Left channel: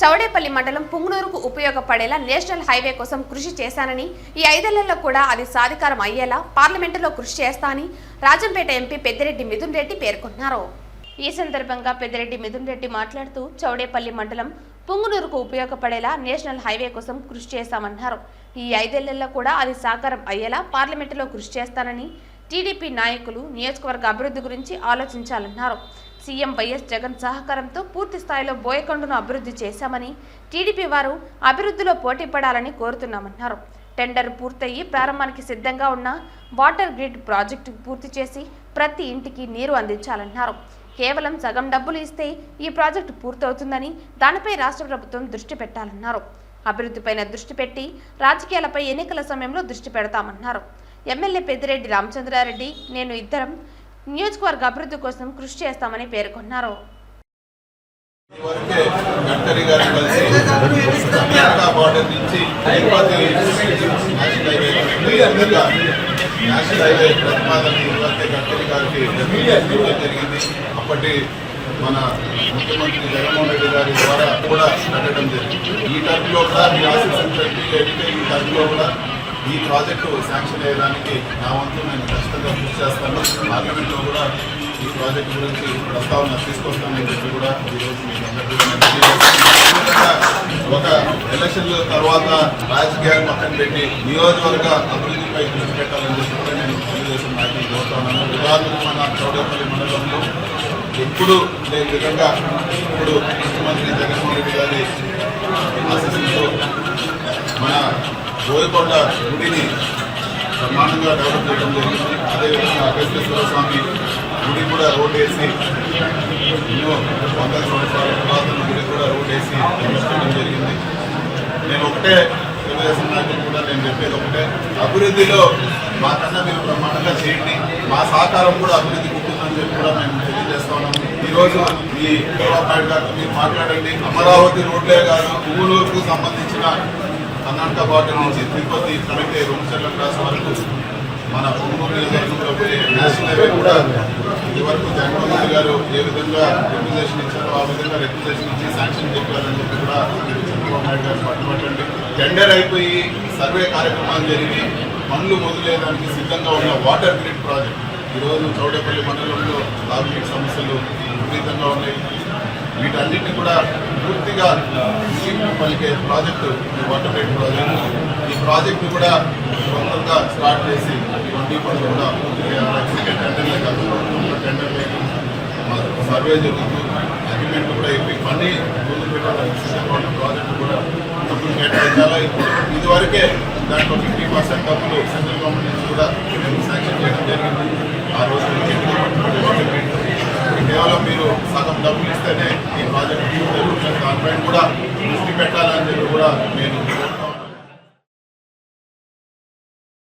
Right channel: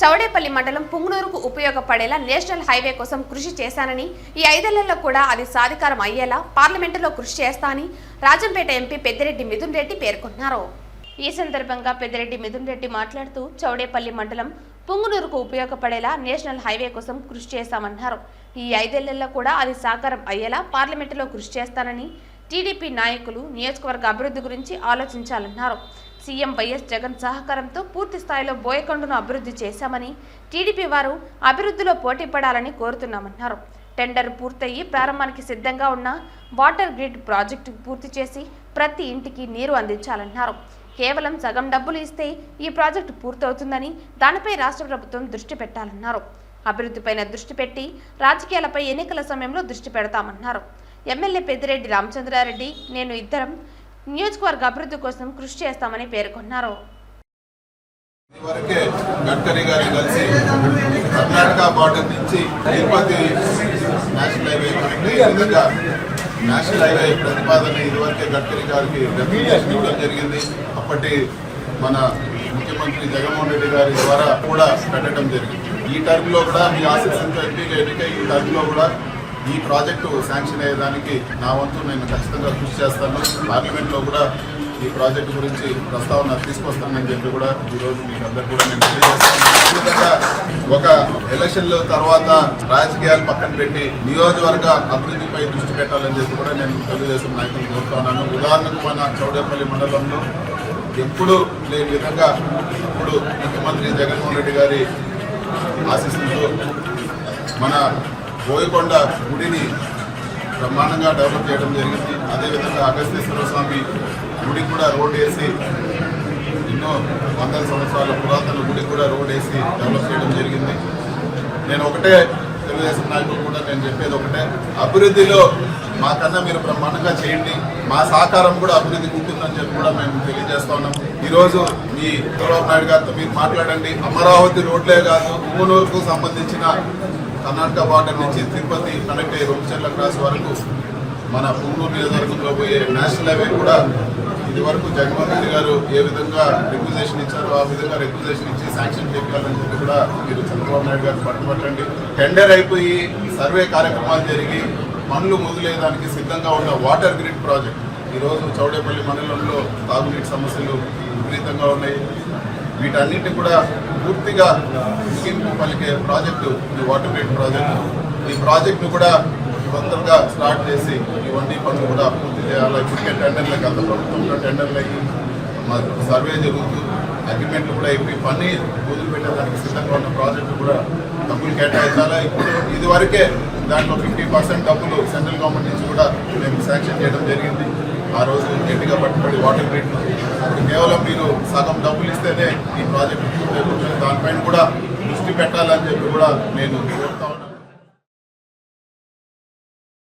చౌడేపల్లి మండలం పుంగనూరుకు ఉపయోగపడేలా national highway కోసం కృషి చేశానని, ఈ 5 ఏళ్లలో కూడా అది సాధికారం అయ్యేలా పార్లమెంటులో కృషి చేస్తానని రాజంపేట ఎంపీ పెద్దిరెడ్డి మిథున్ రెడ్డి పేర్కొన్నారు. ఈ సందర్భంగా పెద్దిరెడ్డి మిథున్ రెడ్డి మాట్లాడుతూ చౌడేపల్లి మండలం పుంగనూరుకు ఉపయోగపడేలా నేషనల్ హైవే కోసం కృషి చేశామన్నారు. ఈ 5 ఏళ్లలో కూడా అది సాకారం అయ్యేలా పార్లమెంటులో కృషి చేస్తానని, టీడీపీ నాయకులు నియోజకవర్గ అభివృద్ధి గురించి ఆలోచించాలన్నారు. సీఎం వైఎస్ జగన్ సహకారంతో పూర్తి స్థాయిలో బోయకొండను అభివృద్ధి చేశామని, టీడీపీ వారు అభివృద్ధిలో పోటీ పడాలని కోరుతున్నామన్నారు. టెండర్ పూర్తయి ప్రారంభానికి సిద్ధంగా ఉన్న వాటర్ గ్రిడ్ ప్రాజెక్టు పూర్తి చేసి ప్రతి ఇంటికి నీరు అందించాలన్నారు. కేవలం సగం డబ్బులు ఇస్తే ఈ ప్రాజెక్టు పూర్తవుతుందని, దానిపై రాష్ట్ర ప్రభుత్వం దృష్టి పెట్టాలన్నారు. అభివృద్ధిపైన దృష్టి పెట్టి రాజకీయాలపై ఎన్నికల సమయంలో దృష్టి పెడతామన్నారు. ఎమ్మెల్యే పెద్దిరెడ్డి రామచంద్రారెడ్డి, నేను ఇద్దరం నియోజకవర్గ అభివృద్ధి కోసం కృషి చేస్తామని పేర్కొన్నారు. నేషనల్ హైవే ప్రతిపాదన ఇదివరకే గడ్కరీ గారికి జరిగింది. అప్పటి మన ముఖ్యమంత్రి జగన్మోహన్ రెడ్డి గారి ద్వారా కూడా పెట్టడం జరిగింది. ఈ టైంలో కూడా మీ ఆశించినటువంటి ఈ టైంలో కూడా ఈ ప్రాజెక్టు శాంక్షన్ అయ్యేదానికి నా వంతు నేను ఖచ్చితంగా కృషి చేస్తాను. పార్లమెంట్లో కూడా ఈ ప్రాజెక్టు గురించి ప్రస్తావన తీసుకొస్తామని చెప్పి కూడా ఈరోజు మీకు అందరికీ కూడా నేను తెలియజేస్తాను. ఒక ఎలక్షన్ల తర్వాత రాజకీయాలు పక్కన పెట్టి నియోజకవర్గ అభివృద్ధిపై దృష్టి పెట్టాలని చెప్పి కూడా నేను తెలుగుదేశం నాయకులు కోరుతున్నాను. ఉదాహరణకు మన చౌడేపల్లి మండలంలో ఎప్పుడు లేని విధంగా ఇప్పుడు ముఖ్యమంత్రి జగన్మోహన్ రెడ్డి గారి ఆశీస్సులతో మన బోయకొండ గుడిని బ్రహ్మాండంగా డెవలప్ చేయడం జరిగింది. అదేవిధంగా అగస్తేశ్వర స్వామి గుడి కూడా రోడ్ వేసి ఎన్నో వందల సంవత్సరాల పురాతన గుడి కూడా రోడ్ వేసి డెవలప్ చేయడం జరిగింది. నేను ఒకటే తెలుగుదేశం నాయకులు కూడా నేను చెప్పేది ఒకటే, అభివృద్ధిలో మాకన్నా మీరు బ్రహ్మాండంగా చేయండి, మా సహకారం కూడా అభివృద్ధికి ఉంటుందని చెప్పి కూడా మేము తెలియజేస్తాము. ఈరోజు ఈ చంద్రబాబు నాయుడు గారితో మీరు మాట్లాడండి. అమరావతి రోడ్లే కాదు, పుంగనూరుకు సంబంధించిన కర్ణాటక బార్డర్ నుంచి తిరుపతి కనెక్ట్ 2 క్రాస్ వరకు మన పుంగనూరు నియోజకవర్గంలో పోయే నేషనల్ హైవే కూడా ఇది వరకు జగన్మోహన్ రెడ్డి గారు ఏ విధంగా రిక్విజేషన్ ఇచ్చారో ఆ విధంగా రిక్విజేషన్ ఇచ్చి శాంక్షన్ చెప్పారని చెప్పి కూడా మీరు చంద్రబాబు నాయుడు గారు పట్టుబట్టండి. టెండర్ అయిపోయి సర్వే కార్యక్రమాలు జరిగి పనులు మొదలయ్యేదానికి సిద్ధంగా ఉన్న వాటర్ గ్రిడ్ ప్రాజెక్ట్ ఈరోజు చౌడేపల్లి మండలంలో తాగునీటి సమస్యలు విపరీతంగా ఉన్నాయి. వీటన్నిటిని కూడా పూర్తిగా పలికే ప్రాజెక్టు ఈ వాటర్ గ్రిడ్ ప్రాజెక్టు. ఈ ప్రాజెక్టు కూడా సొంతంగా స్టార్ట్ చేసి ఇవన్నీ పనులు కూడా పూర్తిగా టెండర్లే కాదు, టెండర్లకి సర్వే జరుగుతూ అగ్రిమెంట్ కూడా అయిపోయి పని పూర్తి పెట్టడానికి సిద్ధంగా ఉన్న ప్రాజెక్టు కూడా డబ్బులు కేటాయించాలా. ఇదివరకే దాంట్లో 50% డబ్బులు సెంట్రల్ గవర్నమెంట్ నుంచి కూడా శాంక్షన్ చేయడం జరిగింది. ఆ రోజు గట్టిగా పట్టుబడి వాటర్ గ్రిడ్ ఇప్పుడు కేవలం మీరు సగం డబ్బులు ఇస్తేనే ఈ ప్రాజెక్టు దానిపైన కూడా దృష్టి పెట్టాలని చెప్పి కూడా నేను